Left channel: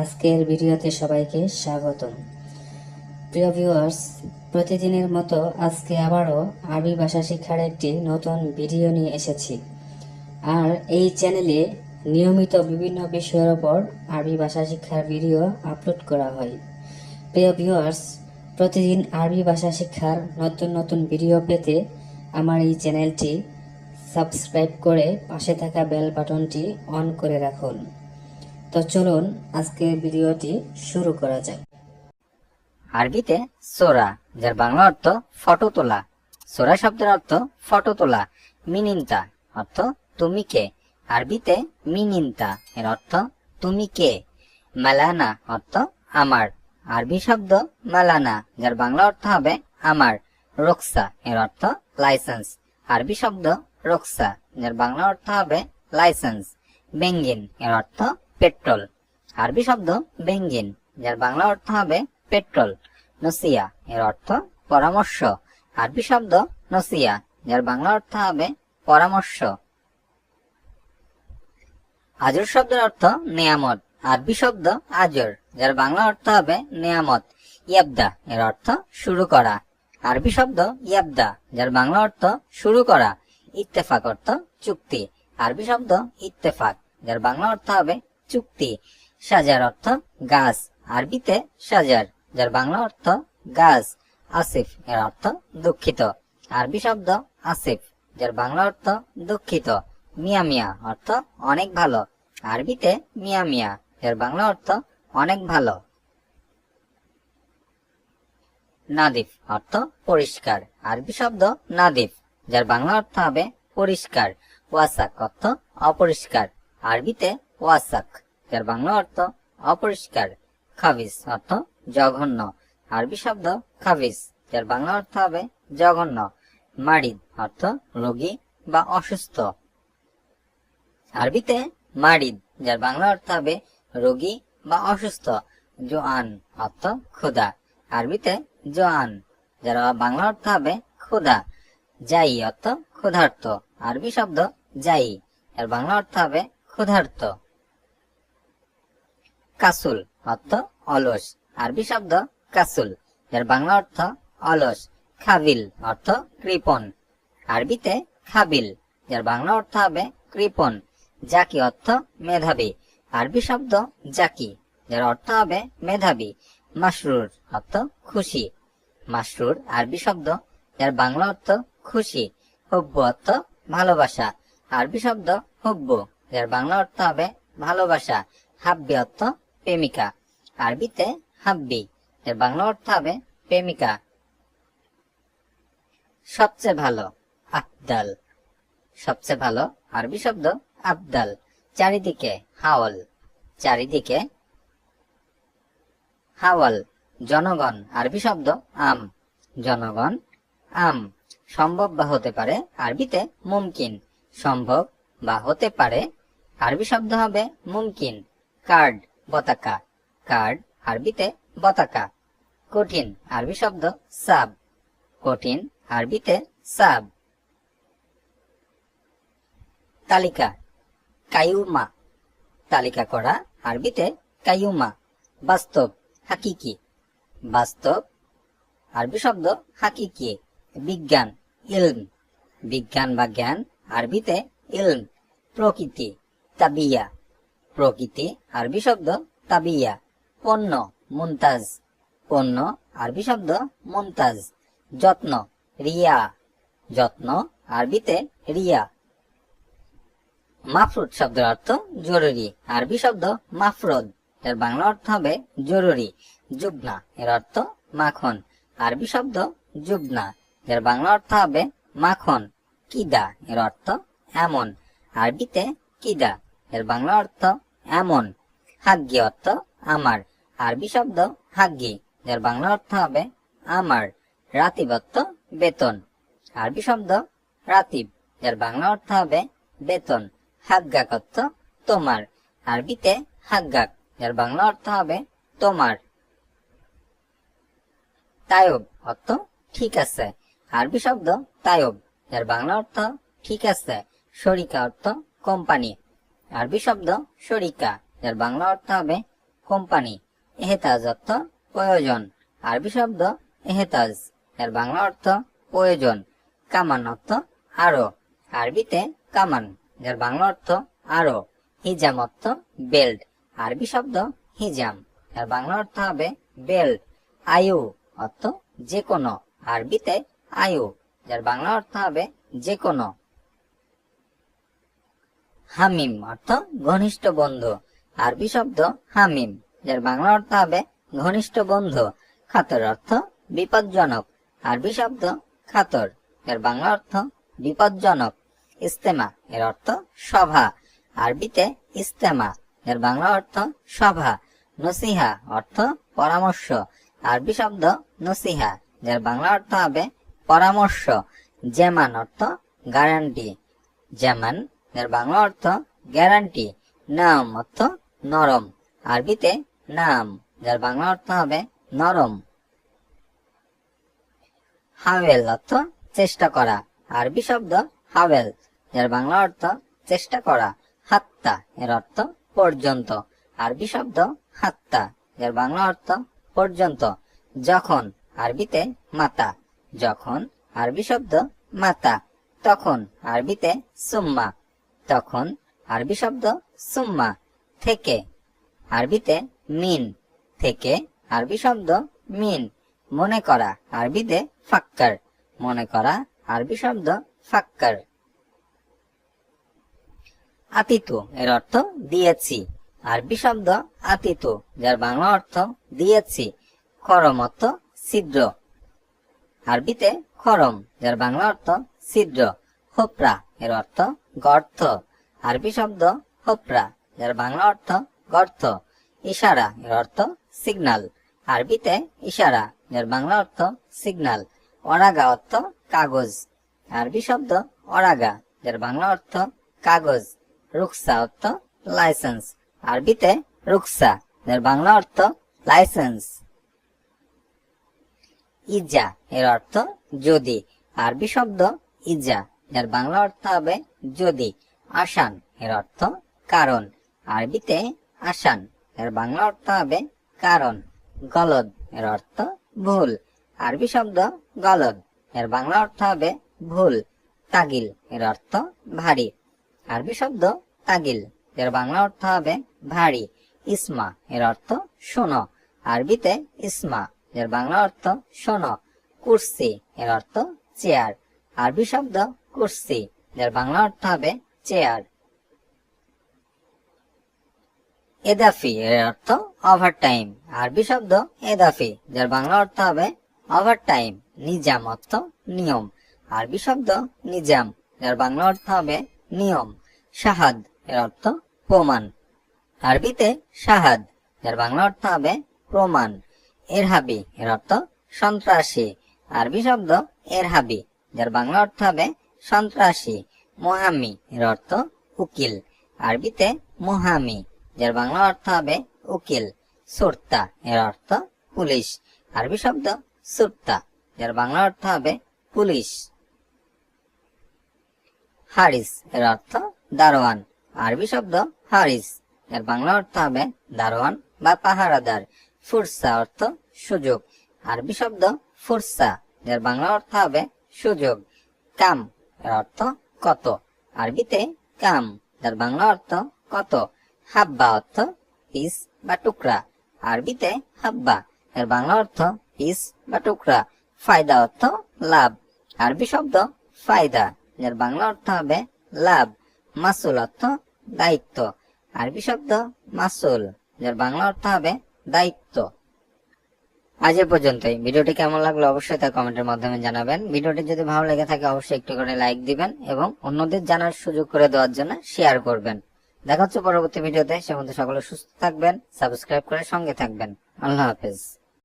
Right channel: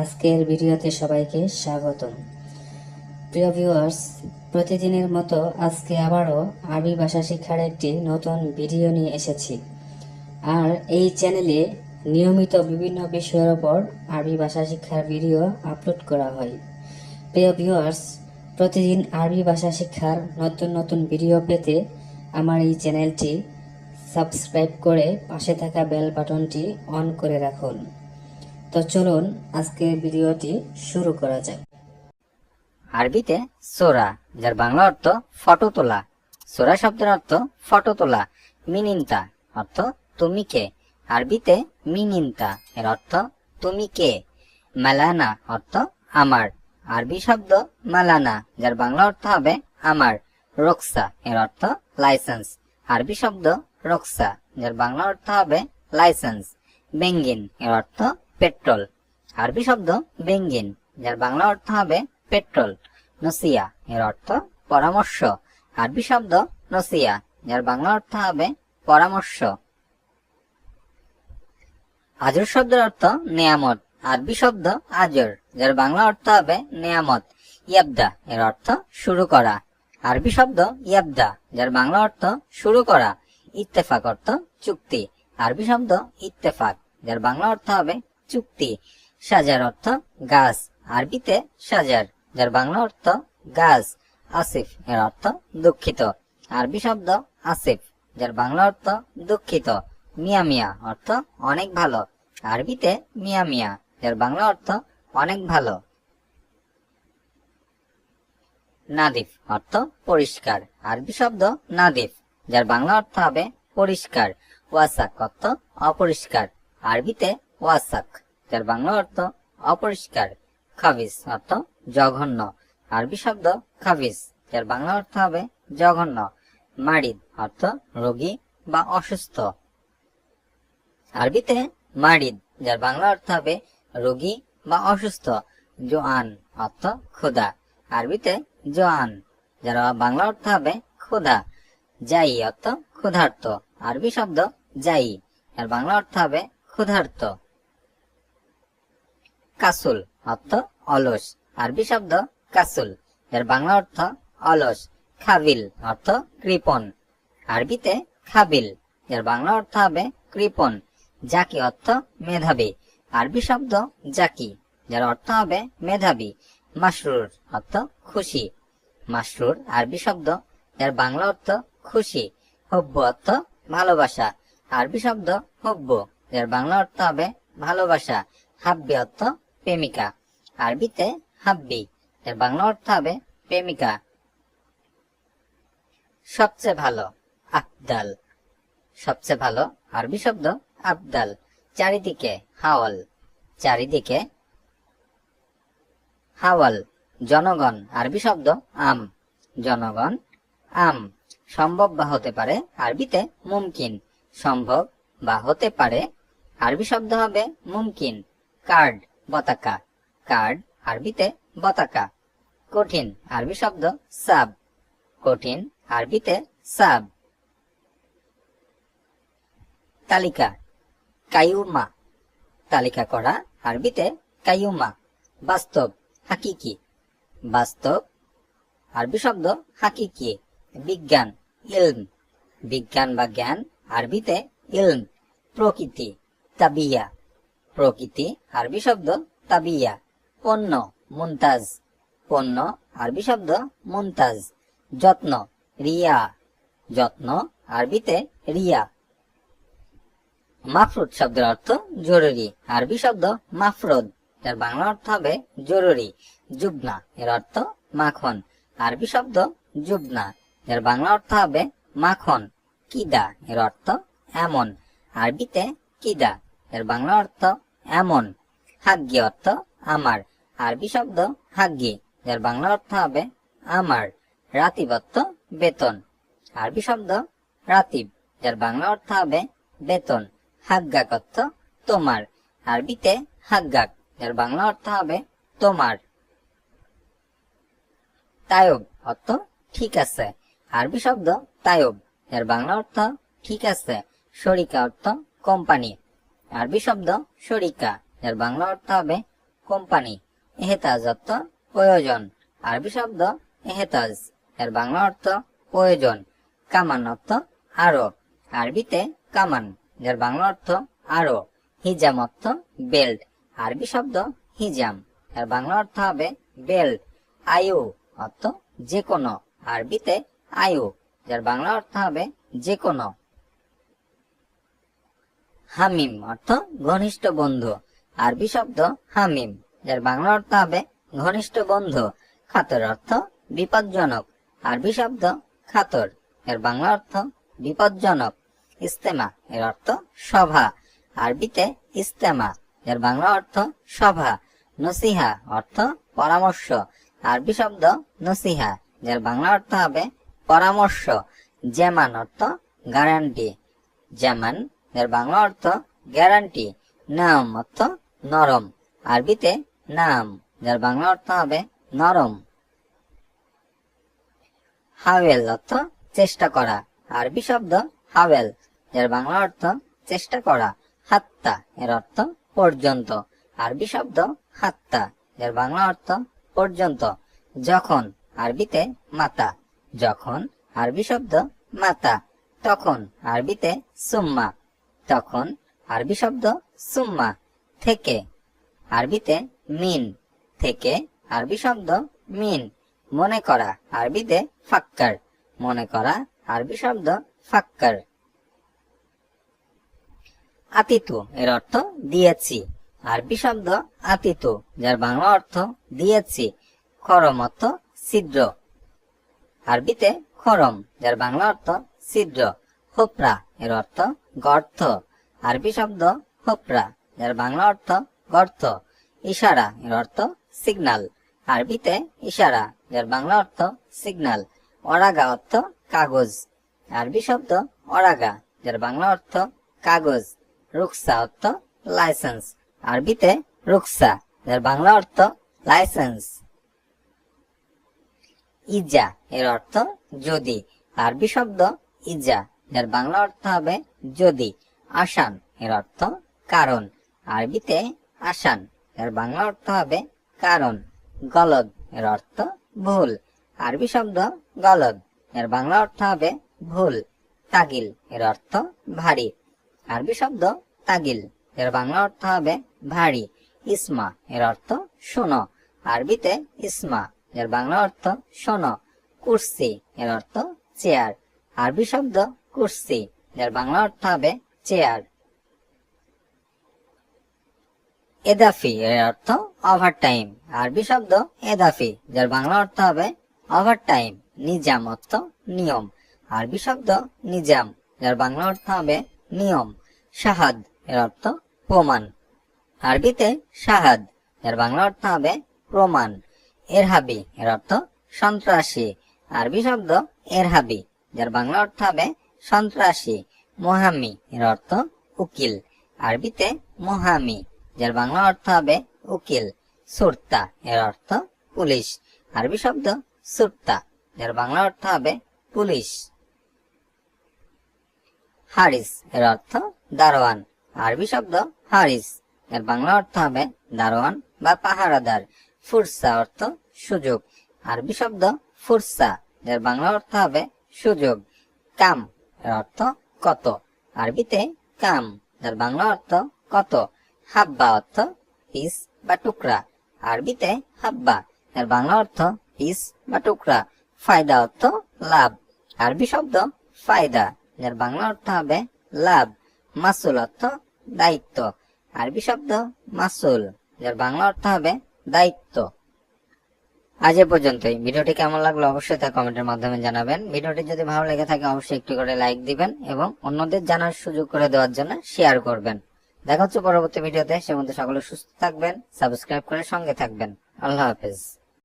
আজকের ভিডিওতে সবাইকে স্বাগতম। প্রিয় ভিউয়ার্স, প্রতিদিনের মতো আজকে আবারও আরবি ভাষা শিক্ষার একটি নতুন ভিডিও নিয়ে এসেছি। আর এই চ্যানেলে নিয়মিত বিভিন্ন বিষয়ের ওপর আরবি ভাষা শিক্ষার ভিডিও আপলোড করা হয়। প্রিয় ভিউয়ার্স, প্রতিদিন আরবি ভাষা শিক্ষার নতুন নতুন ভিডিও পেতে আমার এই চ্যানেলটি সাবস্ক্রাইব করে পাশে থাকা বেল বাটনটি অন করে রাখুন। তো চলুন আজকের ভিডিওটি শুরু করা যাক। আরবিতে সোরা, যার বাংলা অর্থ ফটো তোলা। সোরা শব্দের অর্থ ফটো তোলা। মিনিন্তা অর্থ তুমি কে। আরবিতে মিনিন্তা এর অর্থ তুমি কে। মালানা অর্থ আমার। আরবি শব্দ মালানা, যার বাংলা অর্থ হবে আমার। রোকসা এর অর্থ লাইসেন্স। আরবি শব্দ রোকসা, যার বাংলা অর্থ হবে লাইসেন্স। বেঙ্গিন এর অর্থ পেট্রোল। আরবি শব্দ বেঙ্গিন, যার বাংলা অর্থ হবে পেট্রোল। নসিয়া এর অর্থ পরামর্শ। আরবি শব্দ নসিয়া, যার বাংলা অর্থ হবে পরামর্শ। আজর শব্দের অর্থ নেয়ামত। আরবি শব্দ আজর, যার বাংলা অর্থ হবে নেয়ামত। ইয়াবদা এর অর্থ শুরু করা। আরবি শব্দ ইয়াবদা, যার বাংলা অর্থ শুরু করা। ইত্তেফাক অর্থ চুক্তি। আরবি শব্দ ইত্তেফাক, যার বাংলা অর্থ হবে চুক্তি। সাজার অর্থ গাছ। আরবিতে সাজার, যার বাংলা অর্থ গাছ। আসিফ এর অর্থ দুঃখিত। আরবি শব্দ আসিফ, যার বাংলা অর্থ দুঃখিত। মিয়া মিয়া অর্থ অনেক ভালো। আরবিতে মিয়া মিয়া, এর বাংলা অর্থ অনেক ভালো। নাদিফ অর্থ পরিষ্কার। আরবি শব্দ নাদিফ, যার বাংলা অর্থ হবে পরিষ্কার। ওয়াসাক অর্থ অপরিষ্কার। আরবিতে ওয়াসাক, যার বাংলা অর্থ অপরিষ্কার। খাবিস অর্থ জঘন্য। আরবি শব্দ খাবিস, যার বাংলা অর্থ হবে জঘন্য। মারিদ অর্থ রোগী বা অসুস্থ। আরবিতে মারিদ, যার বাংলা অর্থ হবে রোগী বা অসুস্থ। জোয়ান অর্থ ক্ষুধা। আরবিতে জোয়ান, যার বাংলা অর্থ হবে ক্ষুধা। যাই অর্থ ক্ষুধার্ত। আরবি শব্দ যাই, এর বাংলা অর্থ হবে ক্ষুধার্ত। কাসুল অর্থ অলস। আরবি শব্দ কাসুল, এর বাংলা অর্থ অলস। খাবিল অর্থ কৃপণ। আরবিতে খাবিল, যার বাংলা অর্থ হবে কৃপণ। জাকি অর্থ মেধাবী। আরবি শব্দ জাকি, যার অর্থ হবে মেধাবী। মাসরুর অর্থ খুশি। মাসরুর আরবি শব্দ, যার বাংলা অর্থ খুশি। হুব্বু অর্থ ভালোবাসা। আরবি শব্দ হুব্বু, যার বাংলা অর্থ হবে ভালোবাসা। হাব্বি অর্থ প্রেমিকা। আরবিতে হাব্বি, এর বাংলা অর্থ হবে প্রেমিকা। সবচেয়ে ভালো, আফদাল। সবচেয়ে ভালো আরবি শব্দ আফদাল। চারিদিকে হাওয়াল। চারিদিকে হাওয়াল। জনগণ আরবি শব্দ আম। জনগণ আম। সম্ভব বা হতে পারে, আরবিতে মুমকিন। সম্ভব বা হতে পারে, আরবি শব্দ হবে মুমকিন। কার্ড পতাকা। কার্ড আরবিতে পতাকা। কঠিন আরবি শব্দ সাব। কঠিন আরবিতে সাব। তালিকা কায়ুমা। তালিকা করা, আরবিতে কায়ুমা। বাস্তব হাকিকি। বাস্তব আরবি শব্দ হাকিকি। বিজ্ঞান ইলম। বিজ্ঞান বা জ্ঞান, আরবিতে ইলম। প্রকৃতি তাবিয়া। প্রকৃতি আরবি শব্দ তাবিয়া। পণ্য মুনতাজ। পণ্য আরবি শব্দ মুনতাজ। যত্ন রিয়া। যত্ন আরবিতে রিয়া। মাফরুদ শব্দের অর্থ জরুরি। আরবি শব্দ মাফরুদ, এর বাংলা অর্থ হবে জরুরি। জুবনা এর অর্থ মাখন। আরবি শব্দ জুবনা, এর বাংলা অর্থ হবে মাখন। কিদা এর অর্থ এমন। আরবিতে কিদা, এর বাংলা অর্থ এমন। হাগ্গি অর্থ আমার। আরবি শব্দ হাগ্গি, এর বাংলা অর্থ হবে আমার। রাতিব অর্থ বেতন। আরবি শব্দ রাতিব, এর বাংলা অর্থ হবে বেতন। হাগ্গাক অর্থ তোমার। আরবিতে হাগ্গাক, এর বাংলা অর্থ হবে তোমার। তায়ব অর্থ ঠিক আছে। আরবি শব্দ তায়ব, এর বাংলা অর্থ ঠিক আছে। শরিকা অর্থ কোম্পানি। আরবি শব্দ শরিকা, এর বাংলা অর্থ হবে কোম্পানি। এহতাজ অর্থ প্রয়োজন, আরবি শব্দ এহতাজ, এর বাংলা অর্থ প্রয়োজন। কামান অর্থ আরো, আরবিতে কামান, যার বাংলা অর্থ আরো। হিজাম অর্থ বেল্ট, আরবি শব্দ হিজাম, এর বাংলা অর্থ হবে বেল্ট। আয়ু অর্থ যে কোনো, আরবিতে আয়ু, যার বাংলা অর্থ হবে যে কোনো। হামিম অর্থ ঘনিষ্ঠ বন্ধু, আরবি শব্দ হামিম, যার বাংলা অর্থ হবে ঘনিষ্ঠ বন্ধু। খাতর অর্থ বিপজ্জনক, আরবি শব্দ খাতর, এর বাংলা অর্থ বিপজ্জনক। ইস্তেমা এর অর্থ সভা, আরবিতে ইস্তেমা, এর বাংলা অর্থ সভা। নসিহা অর্থ পরামর্শ, আরবি শব্দ নসিহা, যার বাংলা অর্থ হবে পরামর্শ। জেমান অর্থ গ্যারান্টি, যেমন, এর বাংলা অর্থ গ্যারান্টি। নাম অর্থ নরম, আরবিতে নাম, যার বাংলা অর্থ হবে নরম। হাওয়েল অর্থ চেষ্টা করা, আরবি শব্দ হাওয়েল, যার বাংলা অর্থ চেষ্টা করা। হাত্তা এর অর্থ পর্যন্ত, আরবি শব্দ হাত্তা, যার বাংলা অর্থ পর্যন্ত। যখন, আরবিতে মাতা, যখন, আরবি শব্দ মাতা। তখন, আরবিতে সুম্মা, তখন, আরবি শব্দ সুম্মা। থেকে, আরবিতে মিন, থেকে, আরবি শব্দ মিন। মনে করা, আরবিতে ফাক্কার, মনে করা, আরবি শব্দ ফাক্কার। আতিতু এর অর্থ দিয়েছি, আরবি শব্দ আতিতু, যার বাংলা অর্থ দিয়েছি। খরম অর্থ ছিদ্র, আরবিতে খরম, যার বাংলা অর্থ ছিদ্র। হোপরা এর অর্থ গর্ত, আরবি শব্দ হোপরা, যার বাংলা অর্থ গর্ত। ইশারা এর অর্থ সিগন্যাল, আরবিতে ইশারা, যার বাংলা অর্থ সিগন্যাল। অরাগা অর্থ কাগজ, আরবি শব্দ অরাগা, যার বাংলা অর্থ কাগজ। রুকসা অর্থ লাইসেন্স, আরবিতে রুকসা, যার বাংলা অর্থ লাইসেন্স। ইজা এর অর্থ যদি, আরবি শব্দ ইজা, যার বাংলা অর্থ হবে যদি। আসান এর অর্থ কারণ, আরবিতে আসান, এর বাংলা অর্থ হবে কারণ। গলদ এর অর্থ ভুল, আরবি শব্দ গলদ, এর বাংলা অর্থ হবে ভুল। তাগিল এর অর্থ ভারী, আরবি শব্দ তাগিল, এর বাংলা অর্থ হবে ভারী। ইসমা এর অর্থ শোনো, আরবিতে ইসমা, এর বাংলা অর্থ শোনো। কুরসি এর অর্থ চেয়ার, আরবি শব্দ কুরসি, এর বাংলা অর্থ হবে চেয়ার। এদাফি এর অর্থ ওভারটাইম, আরবি শব্দ এদাফি, যার বাংলা অর্থ হবে ওভারটাইম। নিজাম অর্থ নিয়ম, আরবি শব্দ নিজাম, যার বাংলা অর্থ হবে নিয়ম। শাহাদ এর অর্থ প্রমাণ, আরবিতে শাহাদ, যার বাংলা অর্থ হবে প্রমাণ। এরহাবি এর অর্থ সন্ত্রাসী, আরবি শব্দ এরহাবি, যার বাংলা অর্থ হবে সন্ত্রাসী। মোহাম্মি এর অর্থ উকিল, আরবিতে মোহামি, যার বাংলা অর্থ হবে উকিল। সুরতা এর অর্থ পুলিশ, আরবি শব্দ সুরতা, যার বাংলা অর্থ হবে পুলিশ। হারিস এর অর্থ দারোয়ান, আরবি শব্দ হারিস, এর বাংলা অর্থ হবে দারোয়ান বা পাহারাদার। ফুরসা অর্থ সুযোগ, আরবি শব্দ ফুরসা, যার বাংলা অর্থ হবে সুযোগ। কাম এর অর্থ কত, আরবিতে কাম, যার বাংলা অর্থ কত। হাব্বা অর্থ পিস বা টুকরা, আরবিতে হাব্বা, এর বাংলা অর্থ পিস বা টুকরা। ফায়দা অর্থ লাভ, আরবি শব্দ ফায়দা, যার বাংলা অর্থ হবে লাভ। মাসুল অর্থ দায়িত্ব, আরবি শব্দ মাসুল, যার বাংলা অর্থ হবে দায়িত্ব। আজ এ পর্যন্তই। ভিডিওটি কেমন লাগলো অবশ্যই তা কমেন্টের মাধ্যমে জানাবেন। ভিডিওটি যদি ভালো লেগে থাকে অবশ্যই একটু করে লাইক দিবেন এবং অন্যদের জানার সুযোগ করে দেওয়ার জন্য শেয়ার করবেন। দেখা হচ্ছে পরবর্তী ভিডিওতে, সে মধ্যে সকলে সুস্থ থাকবেন, সাবস্ক্রাইব করে সঙ্গে থাকবেন। আল্লাহ হাফেজ।